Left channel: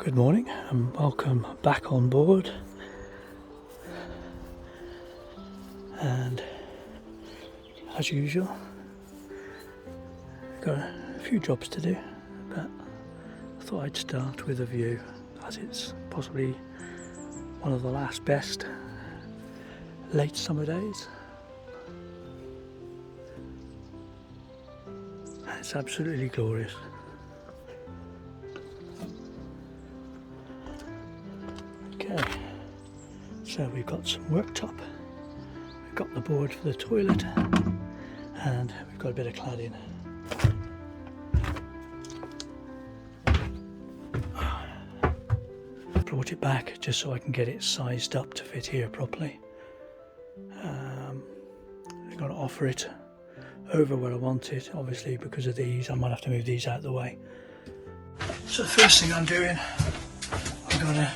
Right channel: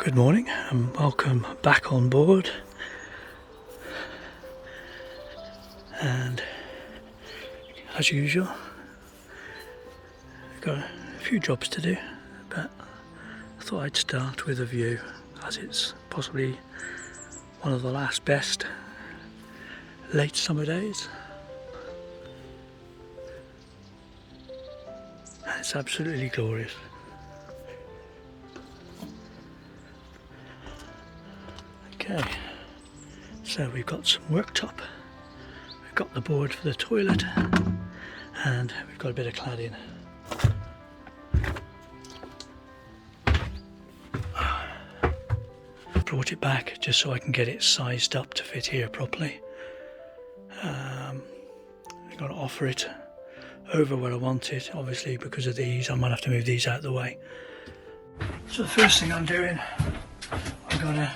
Good morning and welcome back on board. And as usual, I've got a few jobs to do, but I thought I'd start with a view, as it's possibly one of the last best late summer days. And it's absolutely glorious. Okay, so we've got some worktop, we've got the board for the toilet, and we've got a bit of cladding. Brought it back just so I can get it sized up to fit here properly. I'm going to offer it over where I want it. Obviously, because of these, I might have to move these out of the way. So the first thing I'm doing, I'm going to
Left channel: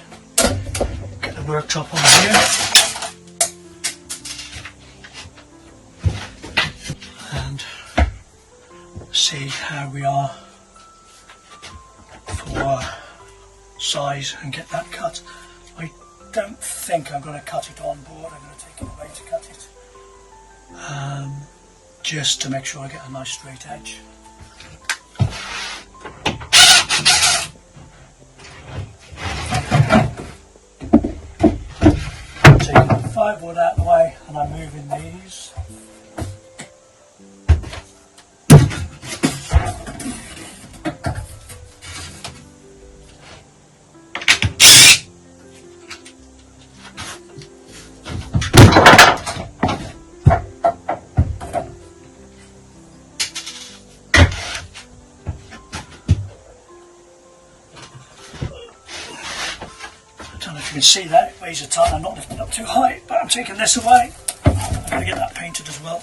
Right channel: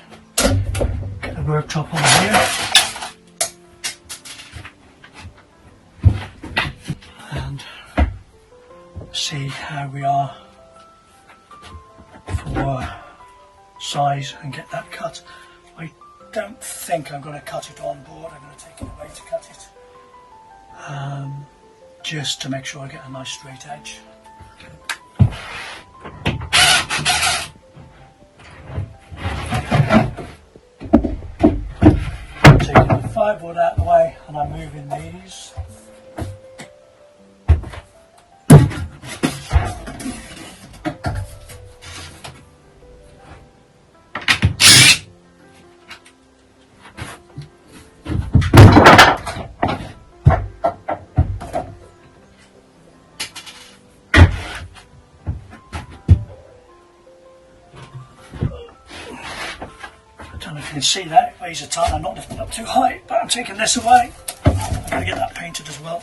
get the worktop on here and see how we are for size and get that cut. I don't think I'm going to cut it on board. I'm going to take it away to cut it, just to make sure I get a nice straight edge. So I've got the fireboard out of the way and I'm moving these. I don't know if you can see that, it weighs a ton. I'm not lifting it up too high, but I'm taking this away. I'm going to get that painted as well.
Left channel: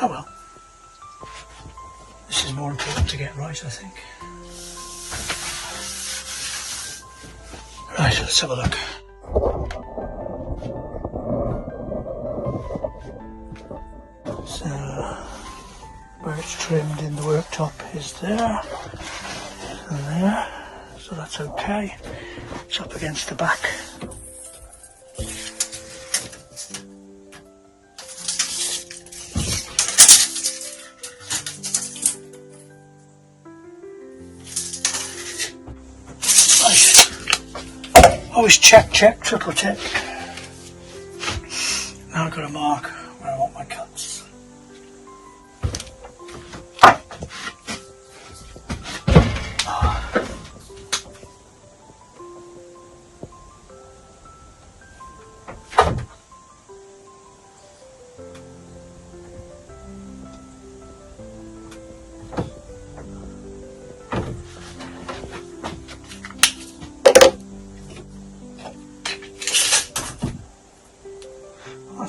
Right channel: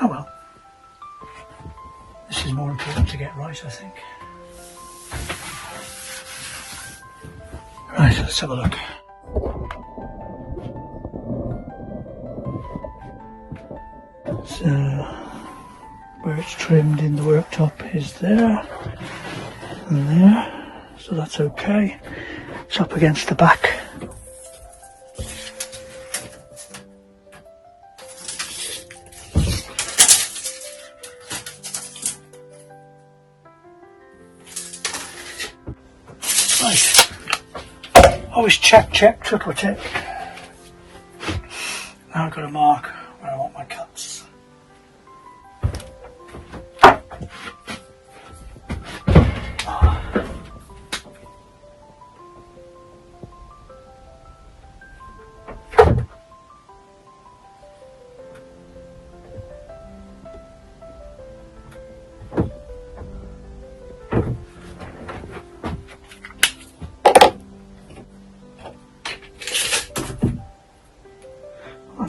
Oh well, this is more important to get right, I think. Right, let's have a look. So, where it's trimmed in the worktop is there and there, so that's okay. It's up against the back. Always check, triple check. Now I've got to mark where I want my cuts.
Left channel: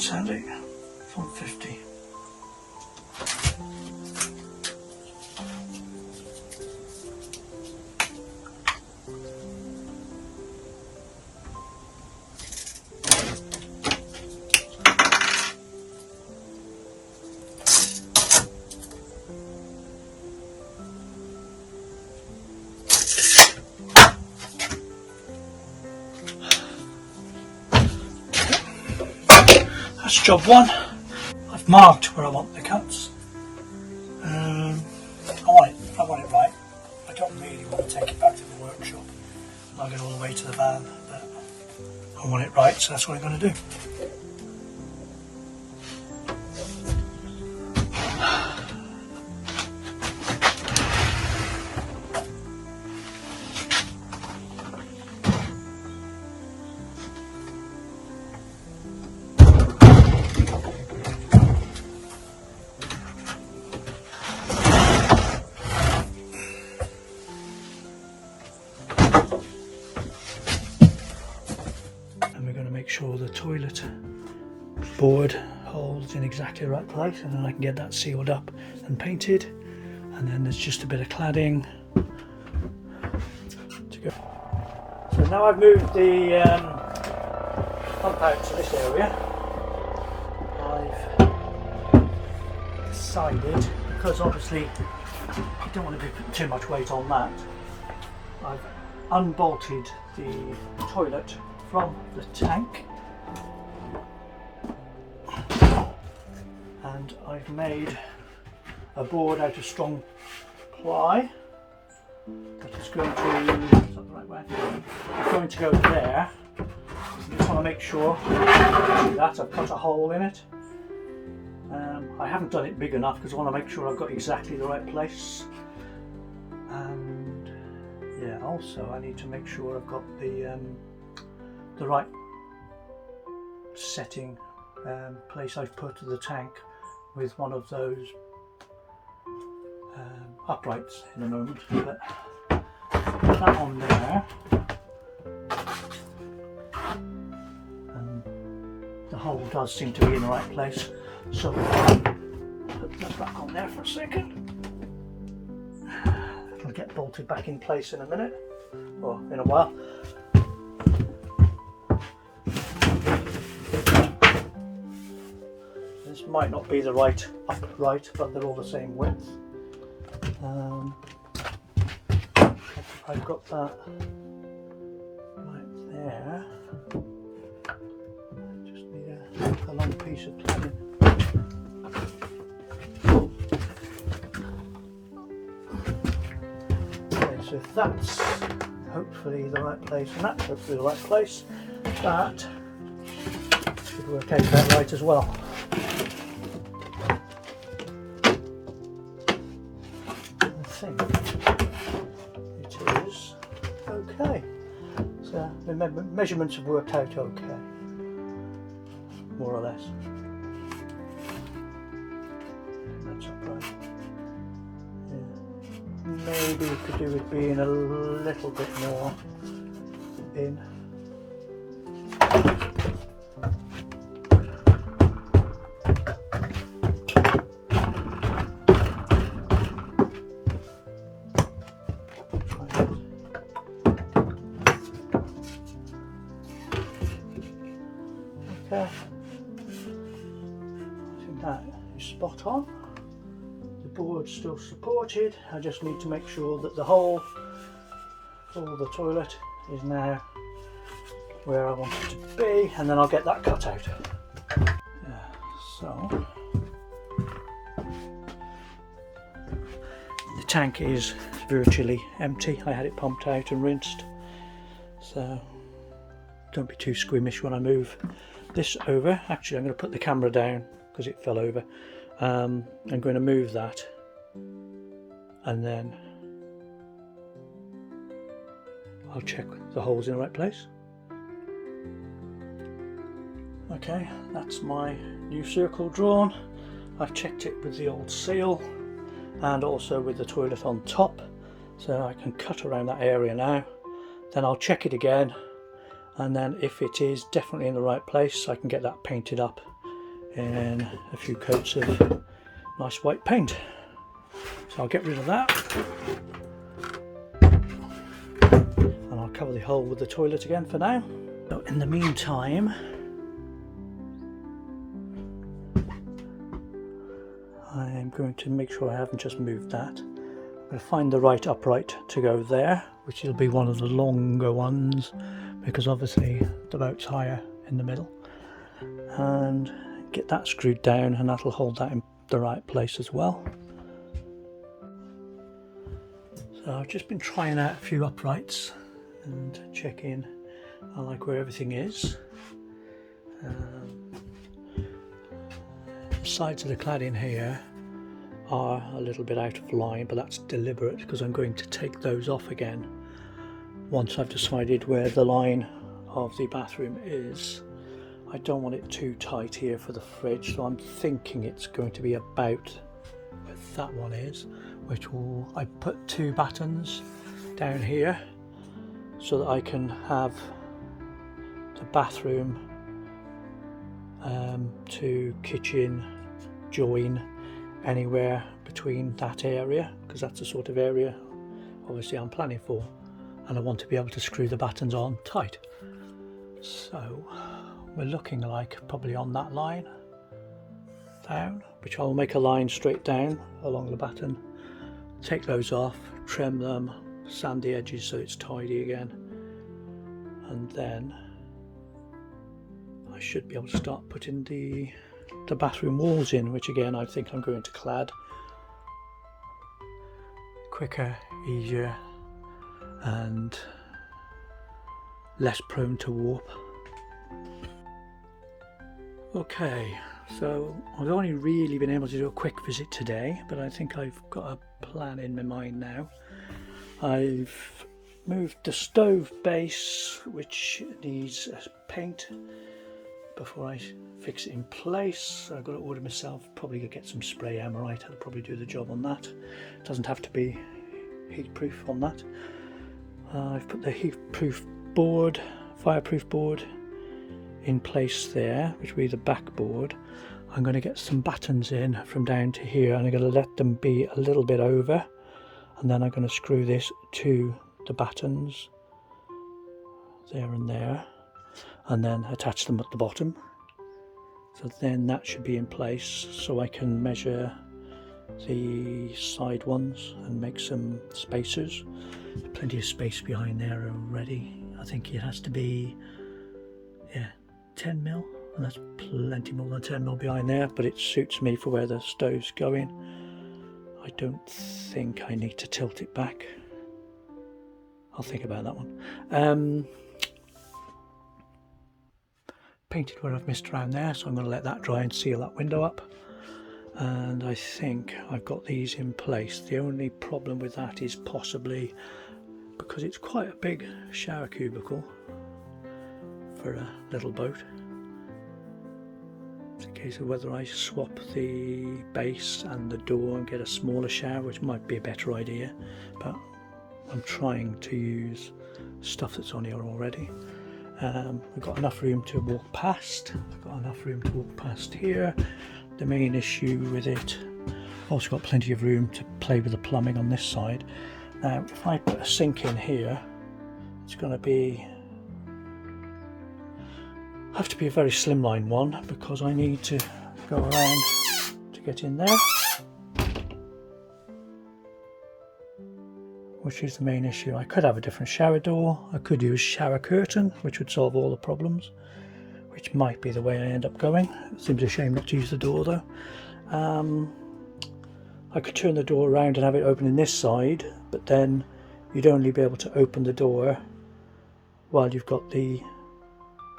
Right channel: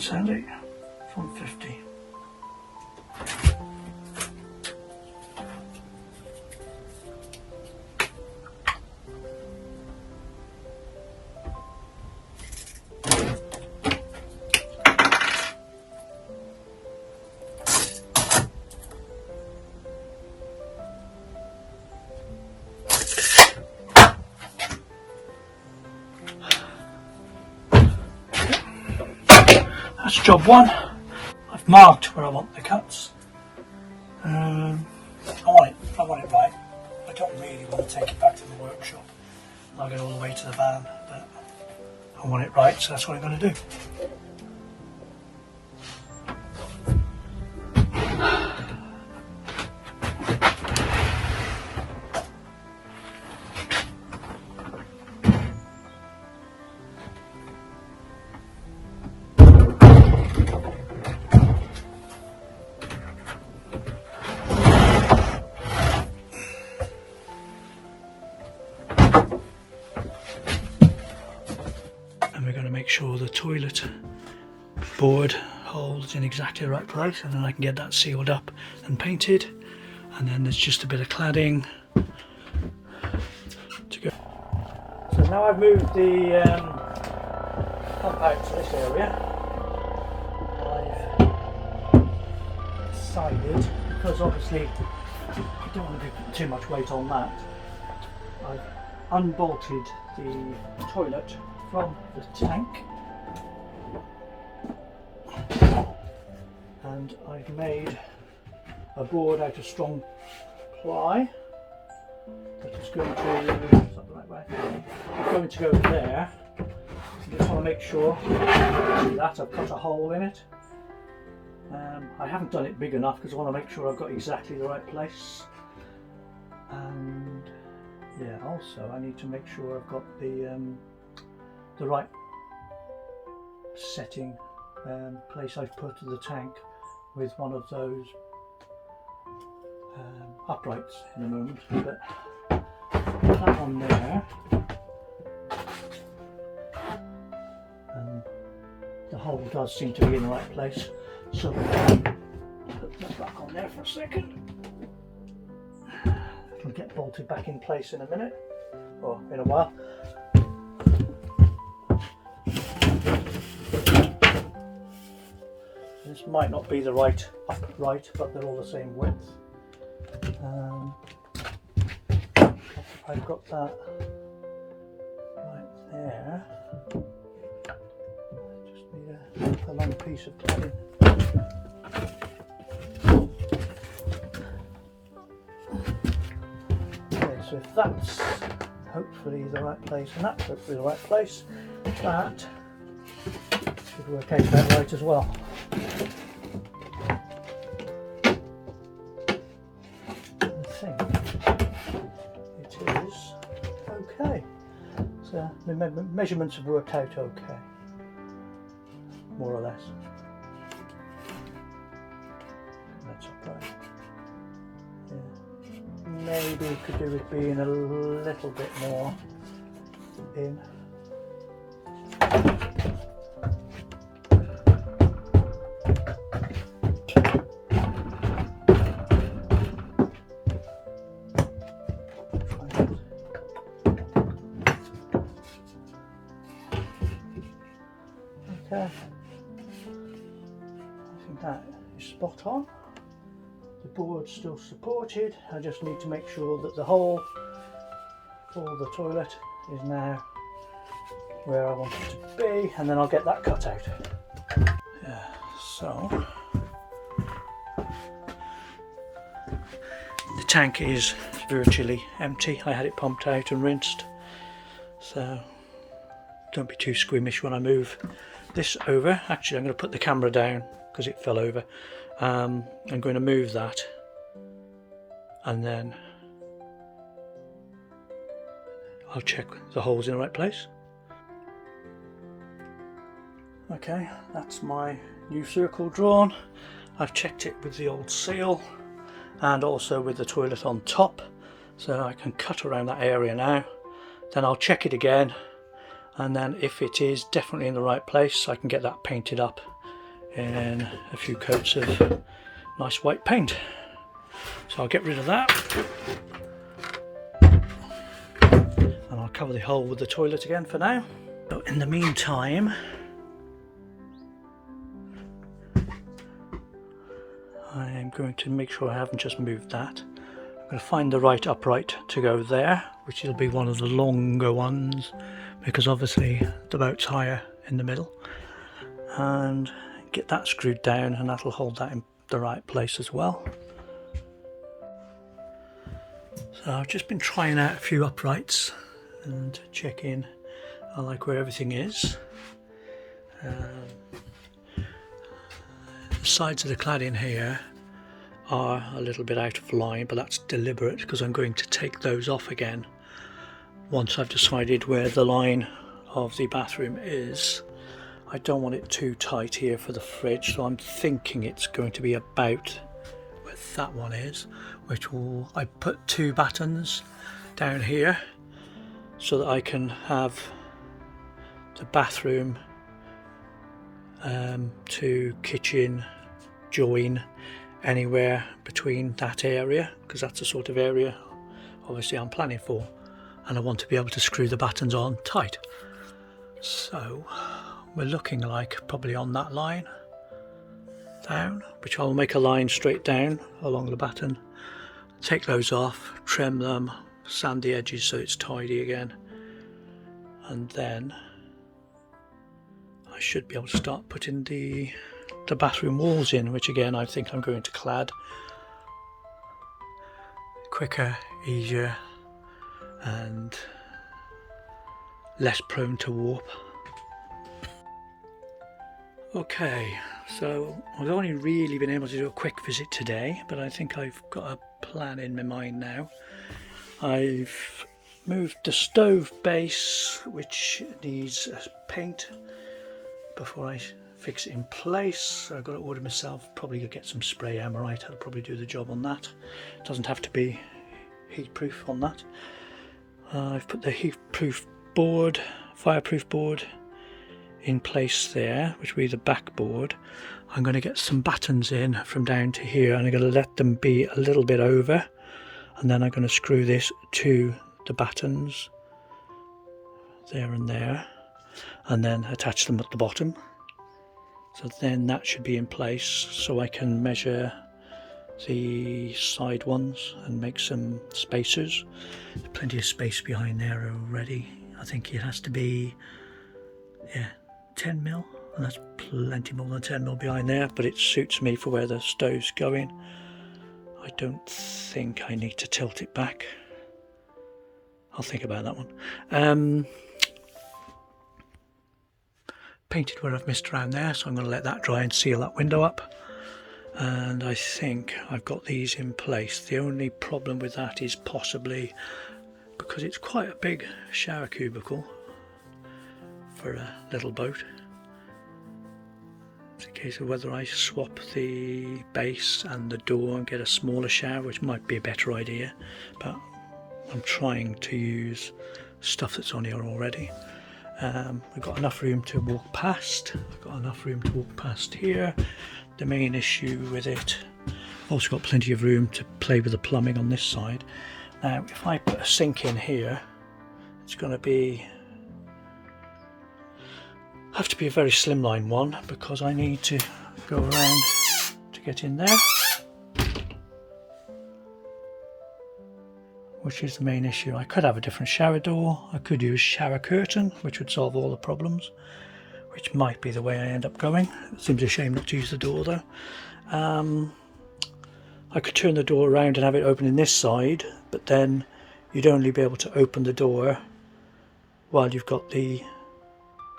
Sandy. 150. That's job one. I've marked where I want the cuts. I want it right. I don't really want to take it back to the workshop. I'll get all the way to the van, but I want it right, so that's what I'm going to do. And we're going to make sure the toilet board holds in exactly the right place, and then I can get that sealed up and painted, and then there's just a bit of cladding to go. So now I've moved the pump out to this area. I've decided, because obviously you don't want to put too much weight on that, I've unbolted the toilet from the tank, and I've made a board out of strong ply that is going to, is that the right way? It's going to go there. I just want to make sure that I've cut a hole in it. I haven't done it big enough because I want to make sure I've got exactly the right place, and yeah, also I need to make sure I've got the right setting place I've put the tank with one of those uprights in the moment, but that on there, and the hole does seem to be in the right place, so I'll put that back on there for a second. It'll get bolted back in place in a minute, or in a while. This might not be the right upright, but they're all the same width. I've got that right there. Just need a long piece of cladding. Okay, so if that's hopefully the right place, and that's hopefully the right place, that should work out that right as well. I think it is okay. So the measurements have worked out okay, more or less. That's upright. Yeah. Maybe we could do with being a little bit more in. Okay, I think that is spot on. The board's still supported. I just need to make sure that the hole for the toilet is now where I want it to be, and then I'll get that cut out. Yeah, so the tank is virtually empty. I had it pumped out and rinsed, so don't be too squeamish when I move this over. Actually, I'm going to put the camera down because it fell over. I'm going to move that, and then I'll check the holes in the right place. Okay, that's my new circle drawn. I've checked it with the old seal and also with the toilet on top, so I can cut around that area now. Then I'll check it again, and then if it is definitely in the right place, I can get that painted up in a few coats of nice white paint. So I'll get rid of that, and I'll cover the hole with the toilet again for now. So in the meantime, I'm going to make sure I haven't just moved that. I'm going to find the right upright to go there, which will be one of the longer ones, because obviously the boat's higher in the middle, and get that screwed down, and that'll hold that in the right place as well. So I've just been trying out a few uprights and checking I like where everything is. The sides of the cladding here are a little bit out of line, but that's deliberate because I'm going to take those off again once I've decided where the line of the bathroom is. I don't want it too tight here for the fridge, so I'm thinking it's going to be about where that one is, which will, I put 2 battens down here so that I can have the bathroom to kitchen join anywhere between that area, because that's the sort of area obviously I'm planning for, and I want to be able to screw the battens on tight. So we're looking like probably on that line down, which I'll make a line straight down along the batten, take those off, trim them, sand the edges so it's tidy again, and then I should be able to start putting the bathroom walls in, which again I think I'm going to clad. Quicker, easier, and less prone to warp. Okay, so I've only really been able to do a quick visit today, but I think I've got a plan in my mind now. I've moved the stove base, which needs paint before I fix it in place. I've got to order myself, probably get some spray Amorite. I'll probably do the job on that. It doesn't have to be heat proof on that. I've put the heat proof board, fireproof board in place there, which will be the backboard. I'm going to get some battens in from down to here, and I'm going to let them be a little bit over, and then I'm going to screw this to the battens there and there, and then attach them at the bottom. So then that should be in place, so I can measure the side ones and make some spacers. There's plenty of space behind there already. I think it has to be 10 mil, and that's plenty more than 10 mil behind there, but it suits me for where the stove's going. I don't think I need to tilt it back. I'll think about that one. Painted where I've missed around there, so I'm going to let that dry and seal that window up, and I think I've got these in place. The only problem with that is possibly because it's quite a big shower cubicle for a little boat. It's a case of whether I swap the base and the door and get a smaller shower, which might be a better idea, but I'm trying to use stuff that's on here already. We've got enough room to walk past. I've got enough room to walk past here. The main issue with it, I've also got plenty of room to play with the plumbing on this side. Now if I put a sink in here, it's going to have to be a very slimline one, because I need to go around to get in there, which is the main issue. I could have a different shower door, I could use shower curtain, which would solve all the problems, which might be the way I end up going. It seems a shame not to use the door though. I could turn the door around and have it open in this side, but then you'd only be able to open the door while you've got the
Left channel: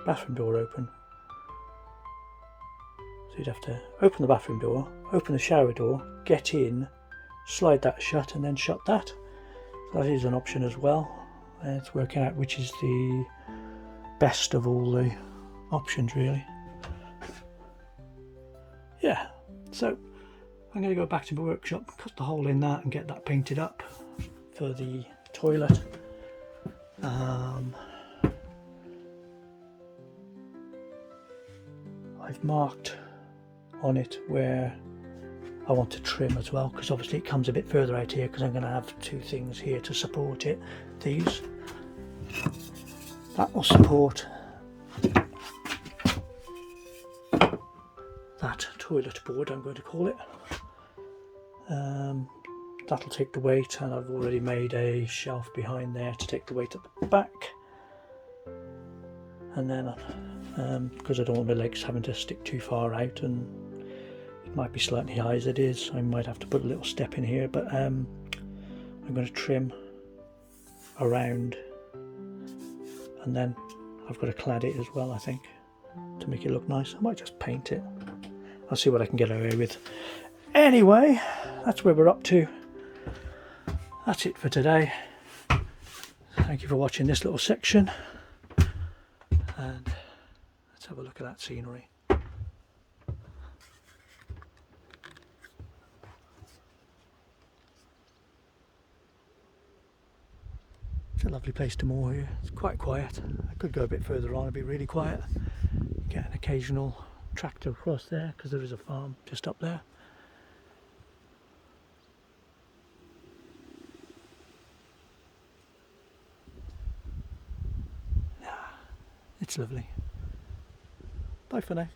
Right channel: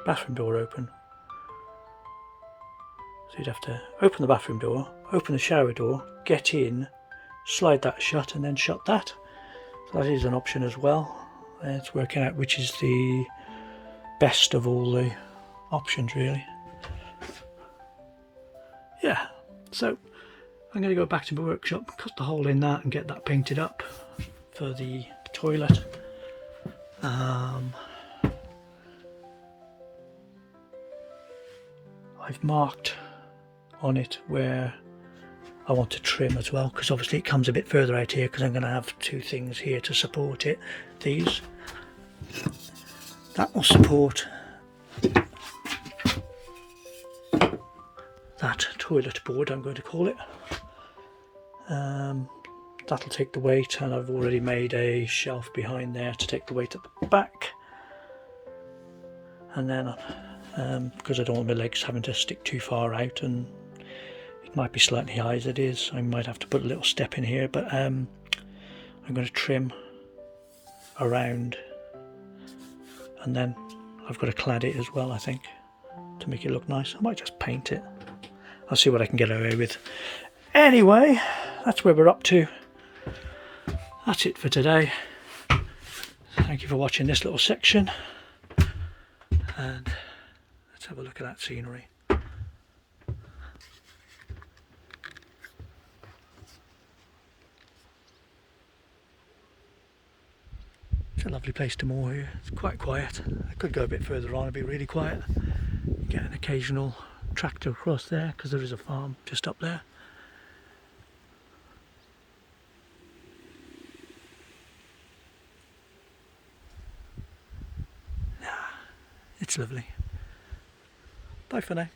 bathroom door open. So you'd have to open the bathroom door, open the shower door, get in, slide that shut, and then shut that. So that is an option as well. And it's working out which is the best of all the options, really. Yeah, so I'm going to go back to my workshop, cut the hole in that and get that painted up for the toilet. I've marked on it where I want to trim as well, because obviously it comes a bit further out here because I'm going to have two things here to support it. These, that will support that toilet board, I'm going to call it. That'll take the weight, and I've already made a shelf behind there to take the weight at the back. And then because I don't want my legs having to stick too far out, and it might be slightly high as it is, I might have to put a little step in here, but I'm going to trim around, and then I've got to clad it as well, I think, to make it look nice. I might just paint it. I'll see what I can get away with. Anyway, that's where we're up to. That's it for today. Thank you for watching this little section, and let's have a look at that scenery. It's a lovely place to moor here. It's quite quiet. I could go a bit further on and be really quiet. Get an occasional tractor across there because there is a farm just up there. It's lovely. Bye for now.